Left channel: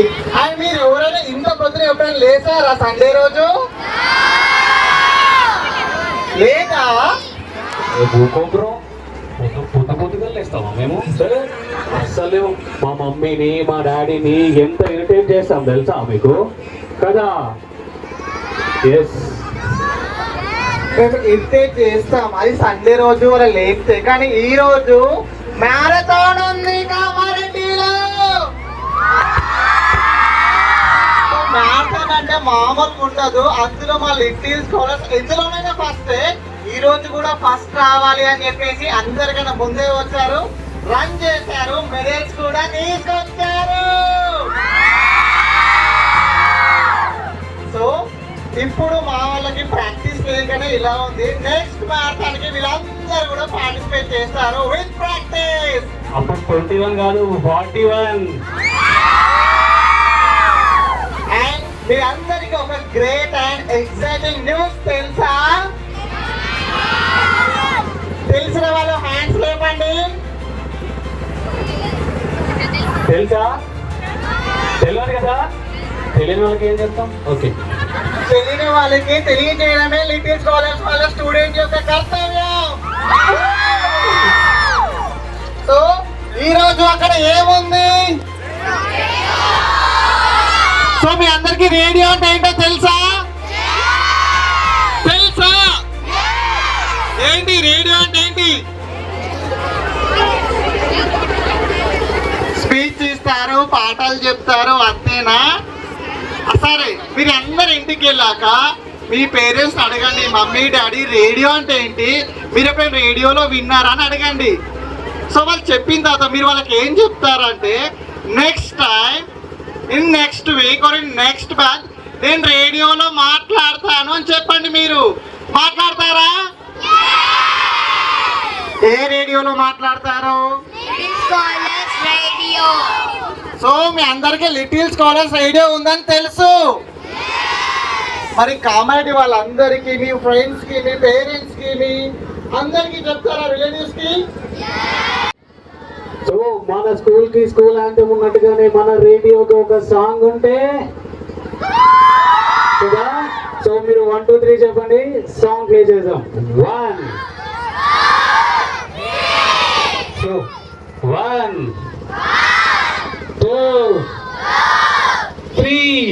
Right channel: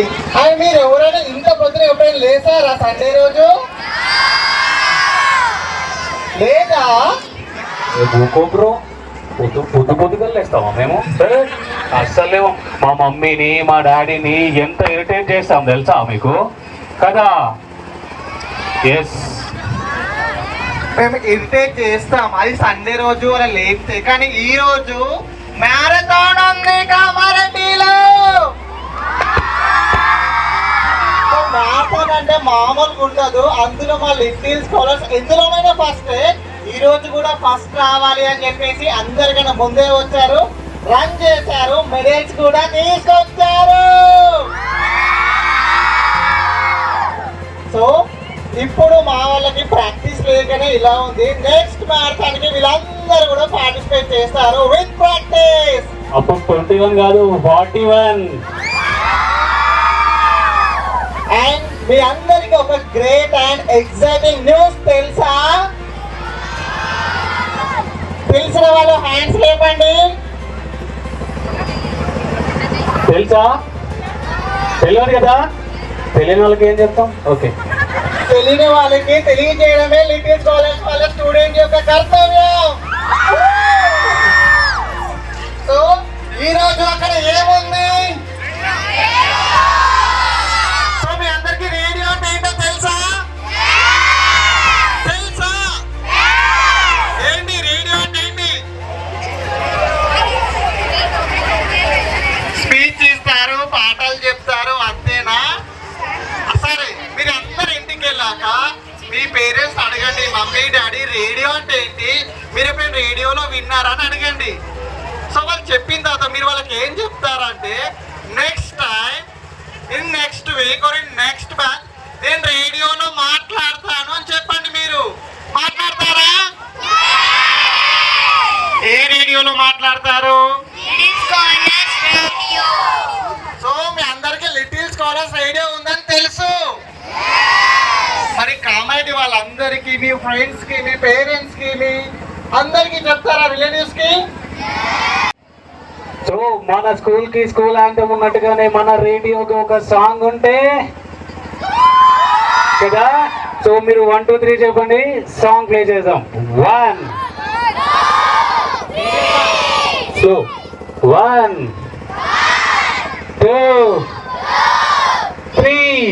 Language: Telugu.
మీరు ఎవరైనా ఇంత పొద్దున ఎప్పుడైనా లేచారా సండే రోజు? లేదా బ్రో పొద్దుగా లేస్తామా మేము? అస్సలు మా మమ్మీని మా డాడీని ఎంత ఇరిటేట్ చేస్తాం తెలుసా మీకు కదా? ఎస్, మేము ఇరిటేట్ చేస్తాం, అది సండే రోజు అలా లేస్తే. కానీ ఈ రోజు మ్యారథాన్ ఉంది కామారెడ్డిలో. మ్యారథాన్ అంటే మామూలుగా ఉండదు. అందులో మా లిటిల్ స్కాలర్స్ ఎందులోనైనా ఫస్ట్, ఈ రోజు కూడా ఫస్ట్ రావాలి అని చెప్పేసి అందరికన్నా ముందే వచ్చారు, రన్ చేశారు, మెడల్స్ కూడా తీసుకొచ్చారు. సో ఇప్పుడు మా వాళ్ళకి ప్రాక్టీస్ లేకనే ఇలా ఉంది. నెక్స్ట్ మ్యారథాన్ కి వీళ్ళందరూ కూడా పార్టిసిపేట్ చేస్తారు విత్ ప్రాక్టీస్. అప్పుడు 21 కాదు 41. అండ్ మీ అందరికి ఒక గ్రేట్ అండ్ ఎక్సైటింగ్ న్యూస్ తెలుసా? తెలిసిన వాళ్ళు హ్యాండ్స్ లేపండి. తెలుసా? తెలియదు కదా? తెలియని వాళ్ళకి ఏం చెప్తాం? ఓకే, తెలియని వాళ్ళకి తెలియజేయడమే లిటిల్ స్కాలర్స్ వాళ్ళ స్టూడెంట్ యొక్క కర్తవ్యం. సో ఈ రోజు అక్కడ ఏముంది? సో మీ అందరికి రేడియో అంటే ఏంటో తెలుసా? తెలుసా? ఏంటి రేడియో అంటే ఏంటి? స్పీచ్ ఇస్తారు, పాటలు చెప్తారు, అంతేనా? సరే, మీరు అందరు ఇంటికి వెళ్ళాక మీ పేరెంట్స్ అడగండి, మమ్మీ డాడీ రేడియో అంటే ఏంటి, మీరు ఎప్పుడైనా రేడియోలో విన్నారా అని అడగండి. సో వాళ్ళు చెప్పిన తర్వాత మీరు వాళ్ళకి ఏం చెప్తారంటే, next time, in next week or in next batch నేను రేడియోలో మాట్లాడతాను అని చెప్పండి. మీరు మాట్లాడతారా? ఏ రేడియోలో మాట్లాడతారు? సో మీ అందరికీ లిటిల్ స్కాలర్స్ రేడియో ఉందని తెలుసు. మరి కామెడీ వాళ్ళందరికీ, మీ ఫ్రెండ్స్ కి, మీ పేరెంట్స్ కి, మీ అందరికి చెప్తారా, రిలేటివ్స్ కి? సో మన స్కూల్ కి స్కూల్ యాంథమ్ ఉన్నట్టుగానే మన రేడియోకి ఒక సాంగ్ ఉంటే కదా. సో మీరు 1 2 3 చెప్పండి, సాంగ్ ప్లే చేద్దాం. 1 2 1 2 3